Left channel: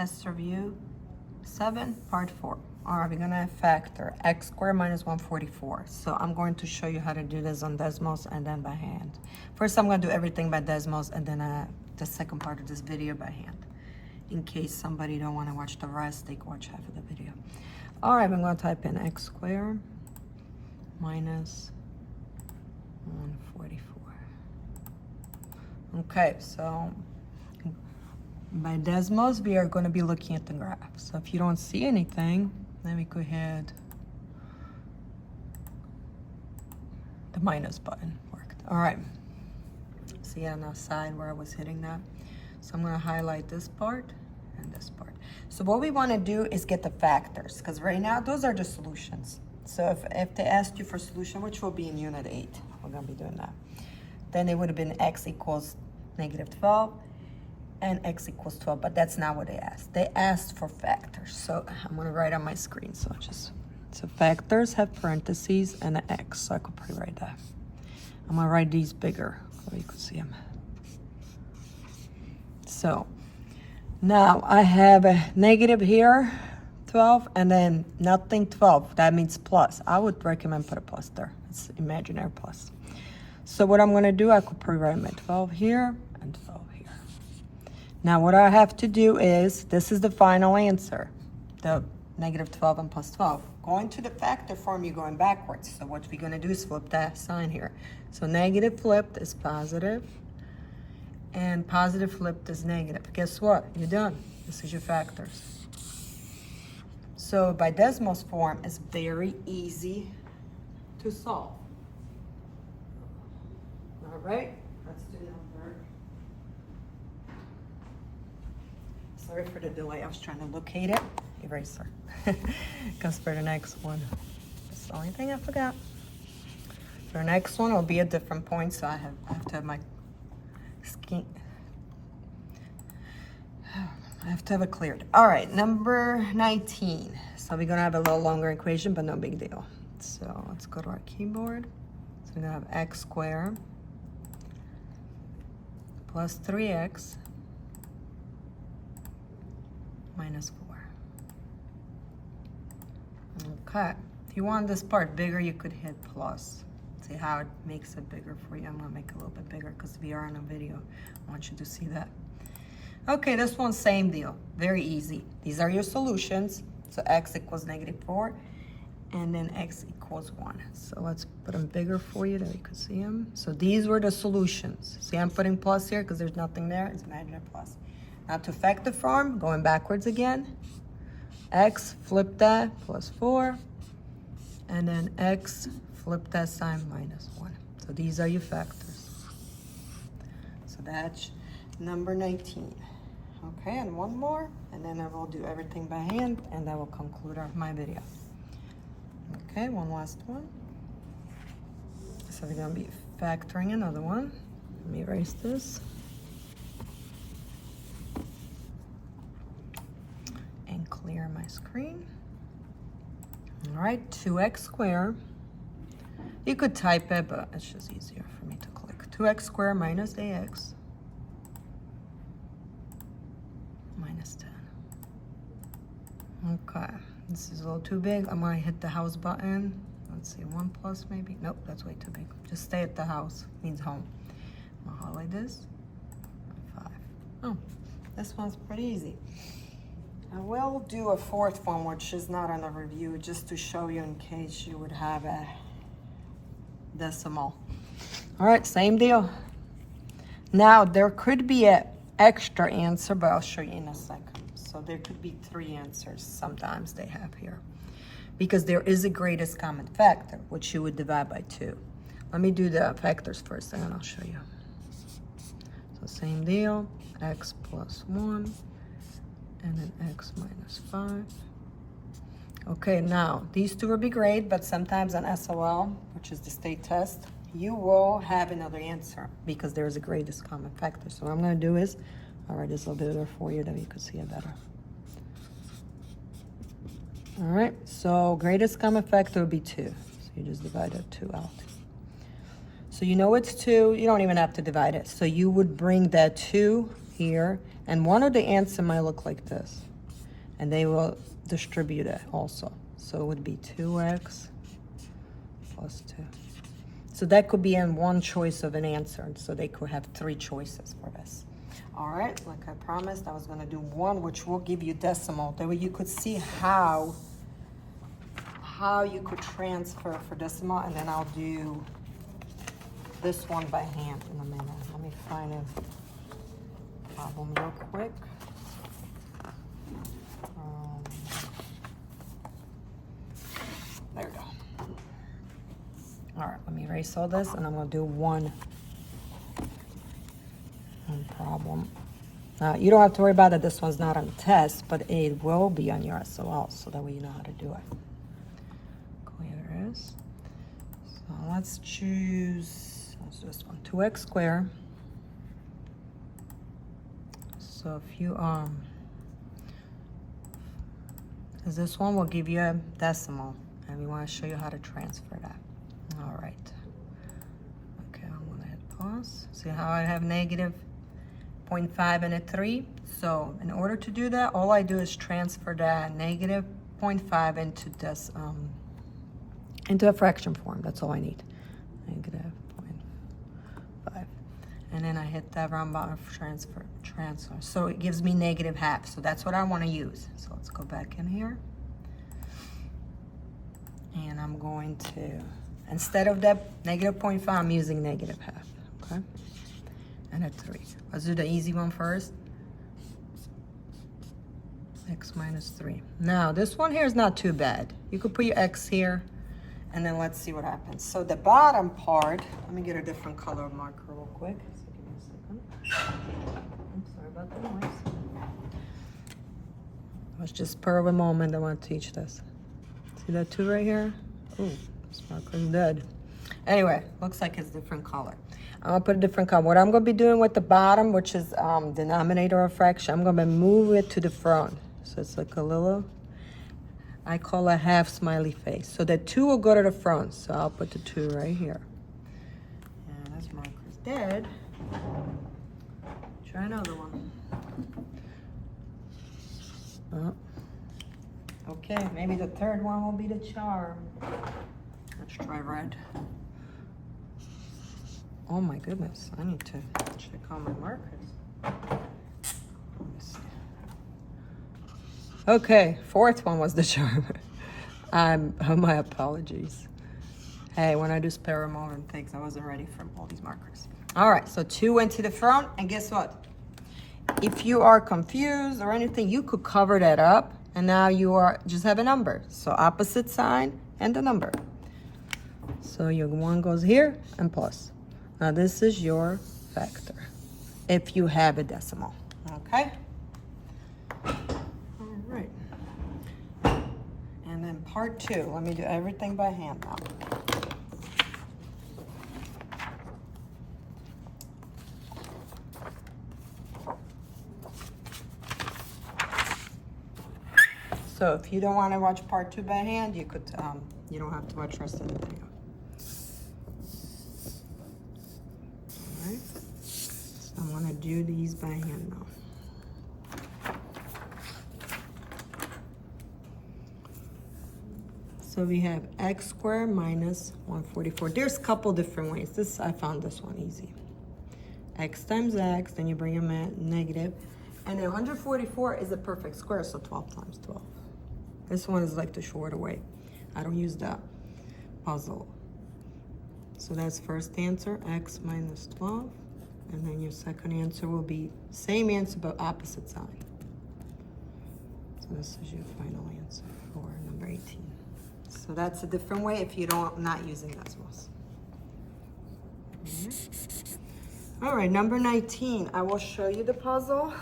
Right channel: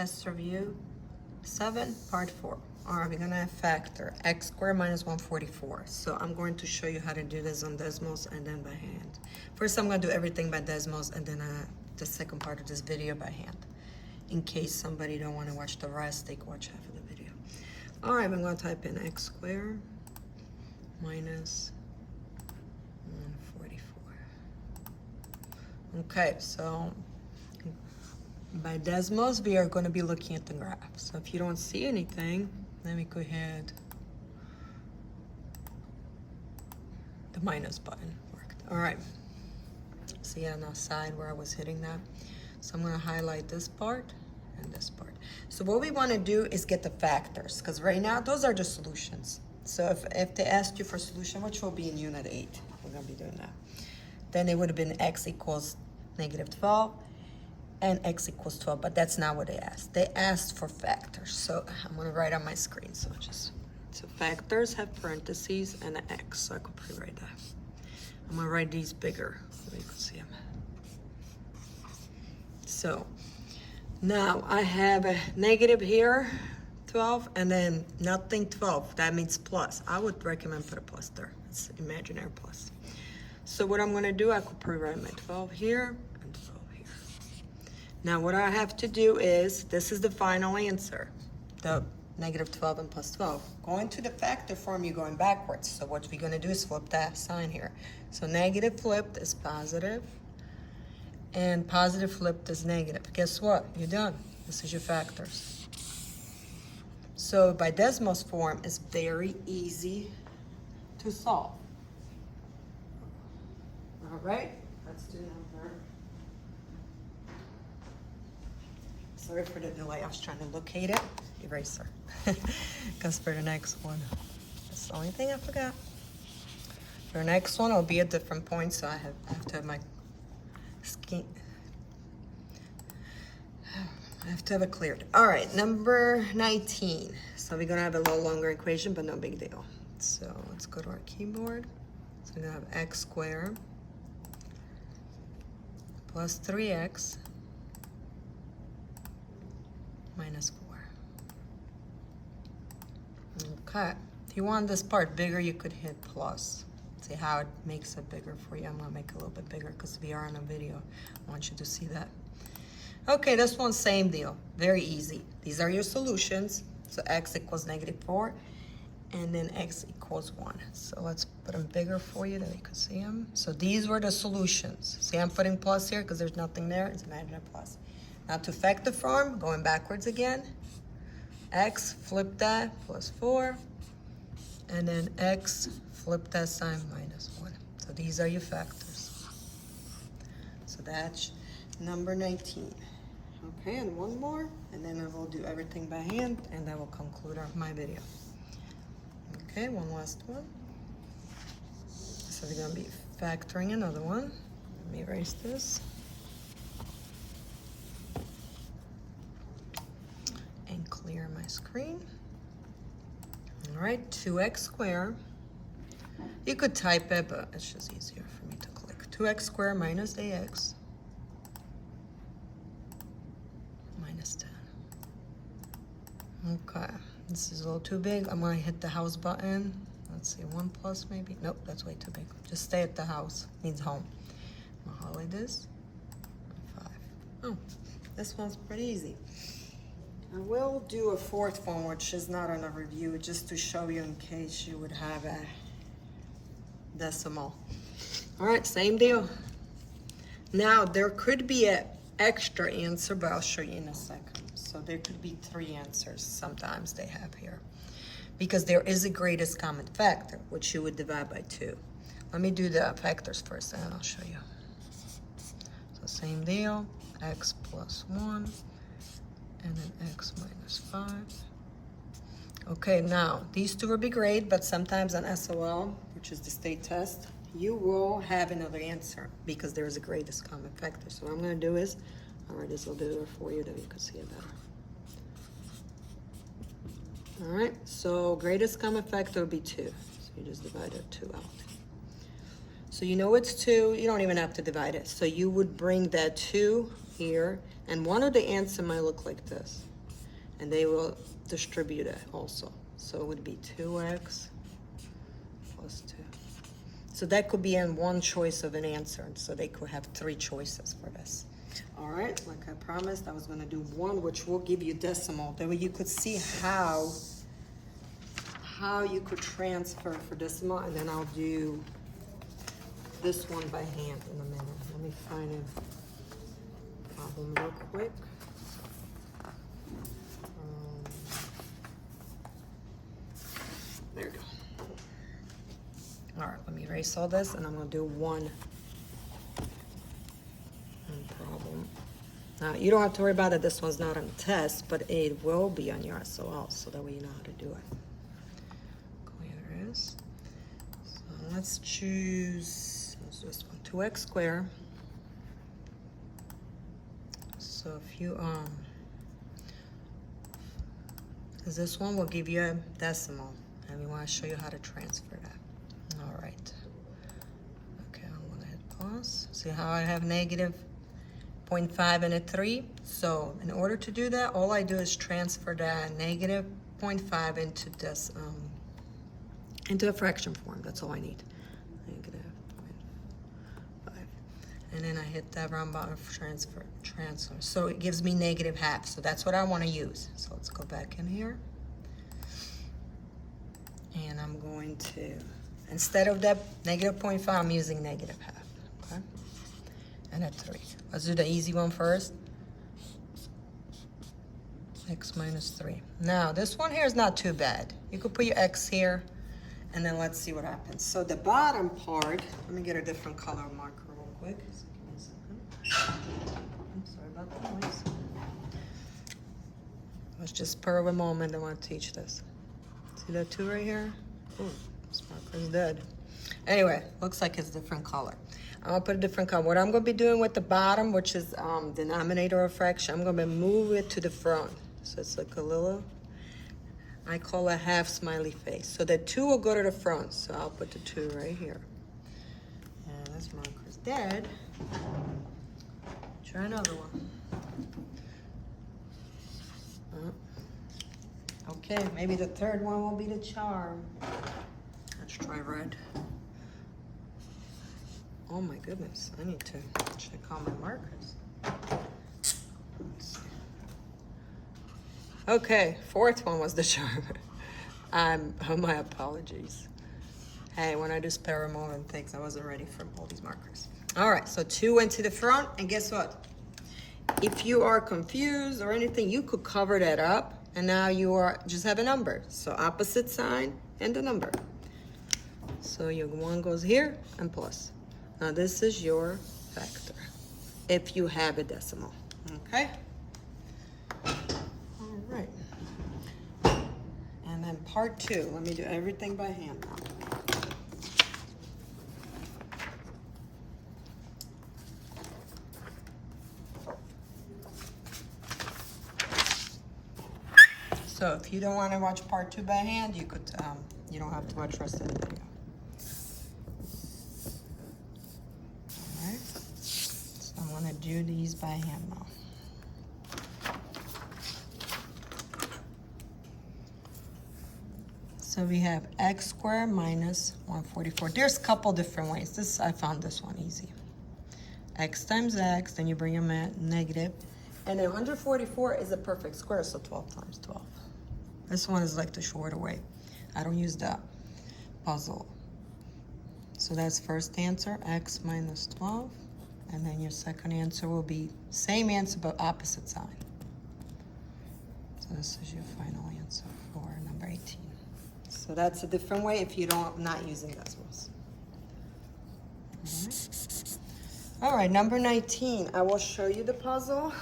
test review 7, part 4. All right, we're gonna factor x squared minus 144. So I'm going to show you how to do this on DESMOS and then by hand. First, I'm gonna do everything by DESMOS and then the second part of this video by hand. In case somebody don't wanna watch the rest, they can watch half of the video. All right, I'm gonna type in x squared minus 144. Okay, so by DESMOS, we are going to be looking at the graph. So if you don't see anything, let me go ahead. The minus button worked. All right. See on the side where I was hitting that. So I'm going to highlight this part and this part. So what we want to do is get the factors, because right now those are the solutions. So if they asked you for solution, which will be in unit 8, we're going to be doing that. Then it would have been x equals negative 12. And x equals 12, but that's not what they asked. They asked for factors. So I'm gonna write on my screen. So factors have parentheses and an x, so I could rewrite that. I'm gonna write these bigger so you can see them. So now I have a negative here, 12, and then nothing 12. That means plus. I would recommend put a plus there. It's imaginary plus. So what I'm gonna do, I could rewrite my 12 here and 12. Now what I have to do is, this is the final answer, the negative 12 and plus 12. Going to the factor form, you're going backwards. So what we're gonna do is flip that sign here. So negative flipped is positive, and positive flipped is negative. Guess what? You're done. This is your factors. So by DESMOS form, it's very easy to solve. All right, let's do number. Sorry for the delay, I was trying to locate it. Eraser. Because for the next one, that's the only thing I forgot. For the next one, it'll be a different point, so I have to have my skin. I have to have it cleared. All right, number 19. So we're gonna have a little longer equation, but no big deal. So let's go to our keyboard. So we're gonna have x squared plus 3x minus 4. Okay, if you want this part bigger, you could hit plus. See how it makes it bigger for you. I'm gonna make it a little bit bigger because we are on a video. I want you to see that. Okay, this one, same deal, very easy. These are your solutions. So x equals negative 4, and then x equals 1. So let's put them bigger for you that you can see them. So these were the solutions. See, I'm putting plus here because there's nothing there. It's imaginary plus. Now to factor form, going backwards again. X, flip that, plus 4. And then x, flip that sign, minus 1. So these are your factors. So that's number 19. Okay, and one more, and then I will do everything by hand, and that will conclude my video. Okay, one last one. So we're gonna be factoring another one. Let me erase this. Clear my screen. All right, 2x squared. You could type it, but it's just easier for me to click. 2x squared minus ax minus 10. Okay, this is a little too big. I'm gonna hit the house button. Let's see, 1 plus maybe. Nope, that's way too big. Just stay at the house, means home. I'm gonna highlight this. 5. Oh, this one's pretty easy. I will do a fourth one, which is not on a review, just to show you in case you would have a decimal. All right, same deal. Now, there could be an extra answer, but I'll show you in a second. So there could be 3 answers sometimes they have here, because there is a greatest common factor, which you would divide by 2. Let me do the factors first, and then I'll show you. So same deal, x plus 1. And then x minus 5. Okay, now, these two will be great, but sometimes on SOL, which is the state test, you will have another answer because there is a greatest common factor. So what I'm gonna do is, I'll write this a little bit for you that you can see it better. All right, so greatest common factor would be 2. So you just divide that 2 out. So you know it's 2, you don't even have to divide it. So you would bring that 2 here, and one of the answer might look like this, and they will distribute it also. So it would be 2x plus 2. So that could be in one choice of an answer, and so they could have 3 choices for this. All right, like I promised, I was gonna do one which will give you decimal. That way you could see how you could transfer for decimal, and then I'll do this one by hand in a minute. Let me find a problem real quick. There we go. All right, let me erase all this, and I'm gonna do one problem. You don't have to worry about that. This one's not on test, but it will be on your SOL, so that way you know how to do it. Here it is. So let's choose this one, 2x squared. So if you because this one will give you a decimal, and we want to show you how to transfer that. All right. Okay, I'm gonna hit pause. See how I have negative 0.5 and a 3. So in order to do that, all I do is transfer that negative 0.5 into this into a fraction form. That's all I need. Negative 0.5, and then I hit that round bottom transfer. So it gives me negative half. So that's what I want to use. So let's go back in here, and I'm going to, instead of that negative 0.5, I'm using negative half. Okay, and a 3. Let's do the easy one first. X minus 3. Now, this one here is not too bad. You could put your X here, and then let's see what happens. So the bottom part, let me get a different color marker real quick. So give me a second. I'm sorry about the noise. Let's just per a moment, I want to teach this. See that 2 right here? Ooh, this marker's dead. Anyway, looks like it's different color. I'm gonna put a different color. What I'm gonna be doing with the bottom, which is denominator of fraction, I'm gonna move it to the front. So it's like a little, I call a half smiley face. So the 2 will go to the front. So I'll put the 2 right here. And this marker's dead. Try another one. Oh. Okay, maybe the 3rd one will be the charm. Let's try red. Oh my goodness, I need to check all my markers. Okay, 4th one was the charm. My apologies. Hey, when I do spare a moment things, I wasn't ready for all these markers. All right, so 2 went to the front, and guess what? If you are confused or anything, you could cover that up, and now you are just have a number. So opposite sign and the number. So your 1 goes here and plus. Now this is your factor, if you have a decimal, okay? All right. And then part 2, let me do everything by hand now. So if you don't want to watch part 2 by hand, you could, you don't have to watch the rest of the video. I'm gonna do these by hand now. So we have x squared minus 144. There's a couple different ways. I found this one easy. X times x, then you bring your negative. And then 144 is a perfect square, so 12 times 12. This one is like the shorter way. I don't use that puzzle. So that's first answer, x minus 12. And then your second answer will be same answer, but opposite side. So this is your final answer for number 18. So that's a different way if you not using DESMOS. All right, number 19. I will show you the puzzle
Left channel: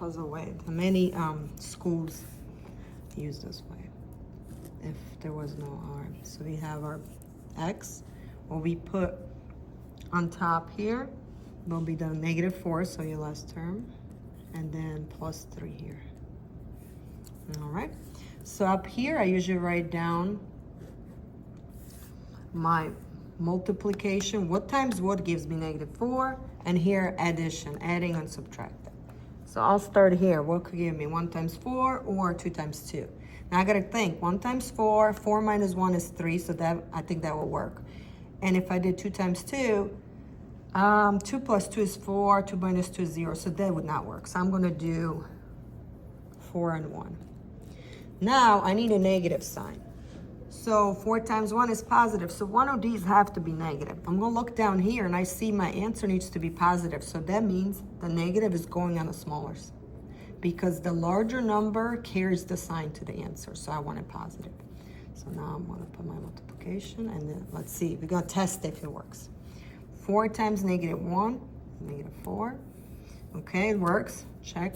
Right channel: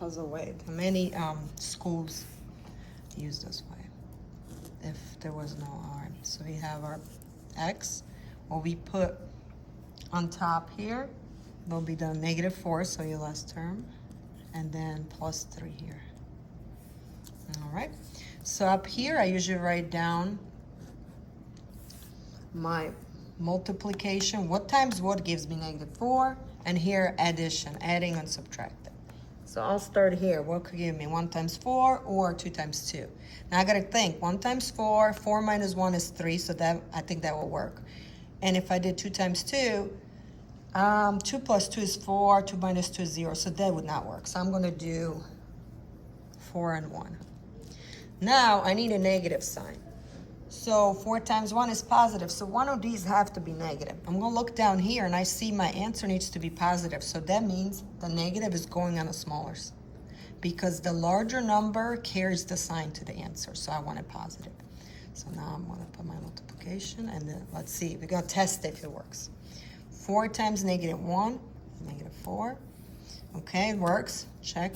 way. Many schools use this way if there was no R. So we have our x, what we put on top here will be the -4, so your last term, and then +3 here. All right, so up here I usually write down my multiplication. What times what gives me -4, and here addition, adding and subtracting. So I'll start here. What could give me 1 times 4 or 2 times 2? Now I gotta think, 1 times 4, 4 minus 1 is 3, so that I think that will work. And if I did 2 times 2, 2 plus 2 is 4, 2 minus 2 is 0, so that would not work. So I'm gonna do 4 and 1. Now I need a negative sign. So 4 times 1 is positive, so one of these have to be negative. I'm gonna look down here and I see my answer needs to be positive, so that means the negative is going on the smaller because the larger number carries the sign to the answer, so I want it positive. So now I'm gonna put my multiplication and then let's see, we're gonna test if it works. 4 times negative 1, negative 4. Okay, it works, check.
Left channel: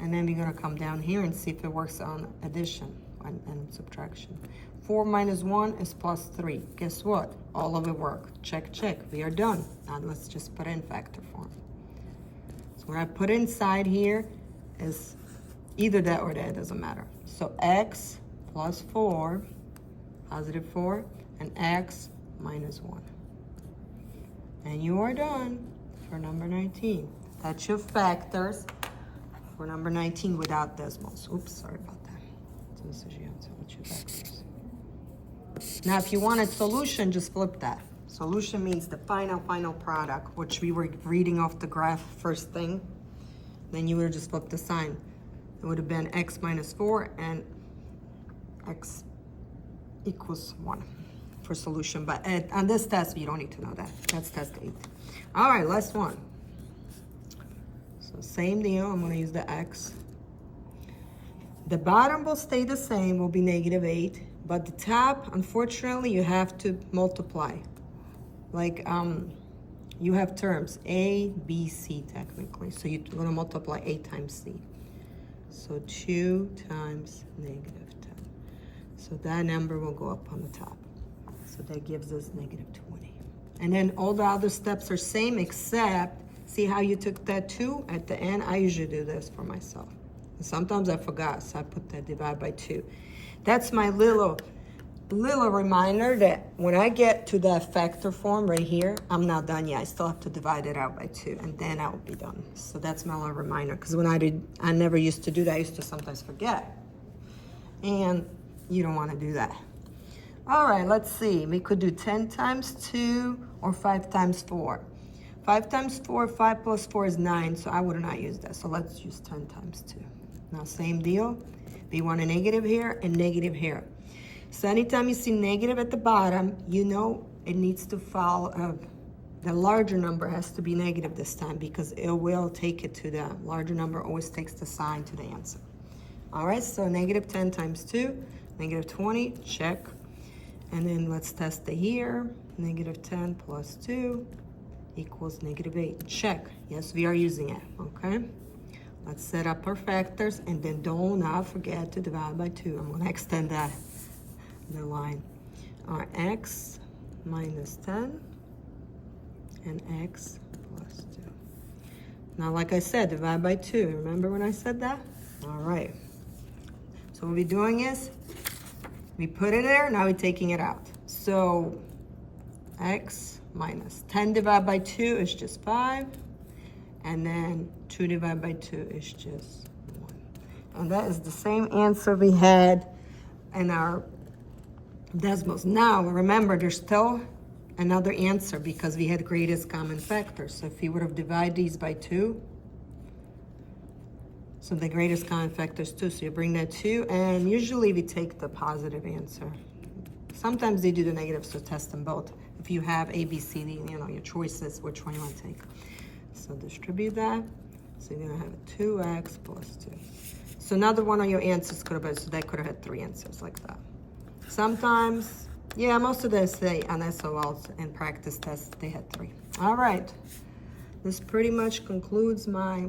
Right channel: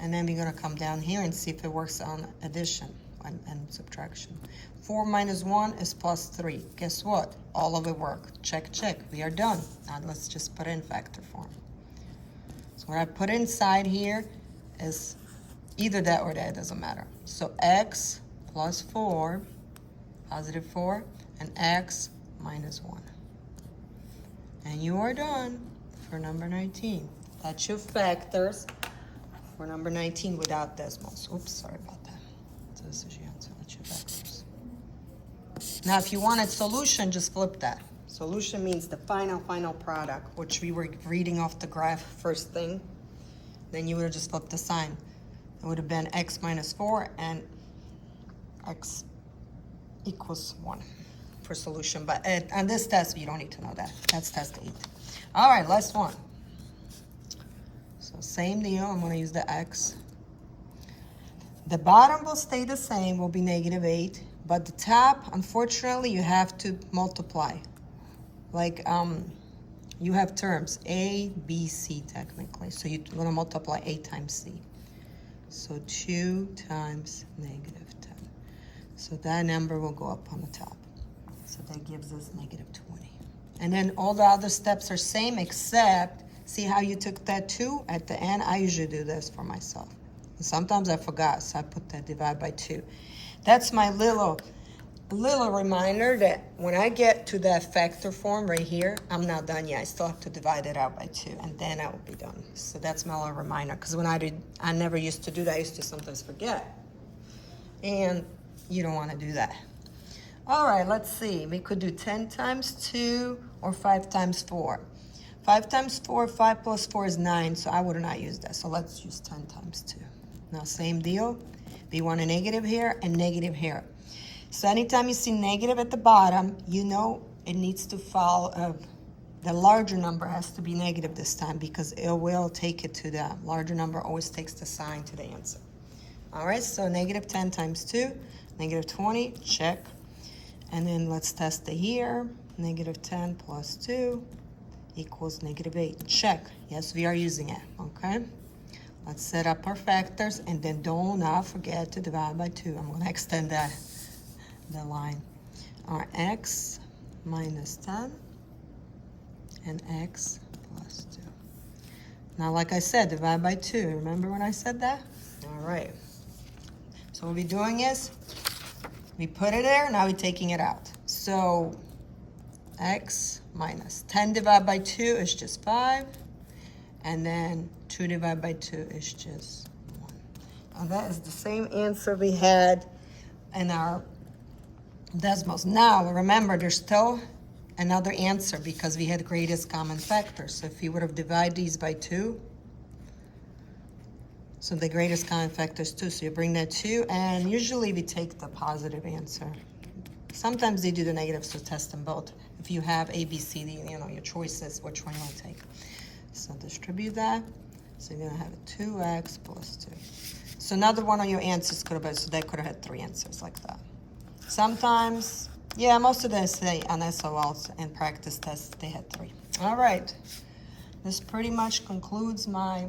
And then we're gonna come down here and see if it works on addition and subtraction. 4 minus 1 is plus 3. Guess what? All of it worked. Check, check. We are done. Now let's just put it in factor form. So what I put inside here is either that or that, doesn't matter. So x plus 4, positive 4, and x minus 1. And you are done for number 19. That's your factors for number 19 without DESMOS. Oops, sorry about that. So this is your answer. That's your factors. Now, if you wanted solution, just flip that. Solution means the final product, which we were reading off the graph first thing. Then you would have just flipped the sign. It would have been x minus 4 and x equals 1 for solution. But on this test, you don't need to know that. That's test 8. All right, last one. So same deal. I'm going to use the x. The bottom will stay the same, will be negative 8. But the top, unfortunately, you have to multiply. Like, you have terms A, B, C technically. So you're going to multiply A times C. So 2 times negative 10. So that number will go up on the top. So that gives us negative 20. And then all the other steps are same except, see how you took that 2 at the end? I usually do this for myself. And sometimes I forgot, so I put that divide by 2. That's my little reminder that when I get to that factor form right here, I'm not done yet. I still have to divide it out by 2, and then I will be done. So that's my little reminder, because when I never used to do that. I used to sometimes forget. And you don't want to do that. All right, let's see. We could do 10 times 2 or 5 times 4. 5 times 4, 5 plus 4 is 9, so I would not use that. So let's use 10 times 2. Now, same deal. We want a negative here and negative here. So anytime you see negative at the bottom, you know it needs to follow, the larger number has to be negative this time because it will take it to the larger number, always takes the sign to the answer. All right, so negative 10 times 2, negative 20, check. And then let's test it here. Negative 10 plus 2 equals negative 8, check. Yes, we are using it, okay? Let's set up our factors, and then do not forget to divide by 2. I'm going to extend the line. Our x minus 10 and x plus 2. Now, like I said, divide by 2. Remember when I said that? All right. So what we're doing is, we put it there, now we're taking it out. So x minus 10 divided by 2 is just 5. And then 2 divided by 2 is just 1. And that is the same answer we had in our DESMOS. Now, remember, there's still another answer because we had greatest common factor. So if you would have divided these by 2, so the greatest common factor is 2. So you bring that 2, and usually we take the positive answer. Sometimes they do the negative, so test them both. If you have A, B, C, D, you know, your choices, which one you want to take. So distribute that. So you're going to have a 2x plus 2. So another one of your answers could have been, so that could have had 3 answers like that. Sometimes, yeah, most of them say on SOLs and practice tests, they had 3. All right. This pretty much concludes my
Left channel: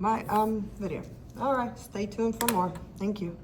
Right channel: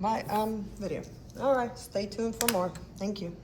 video. All right, stay tuned for more. Thank you.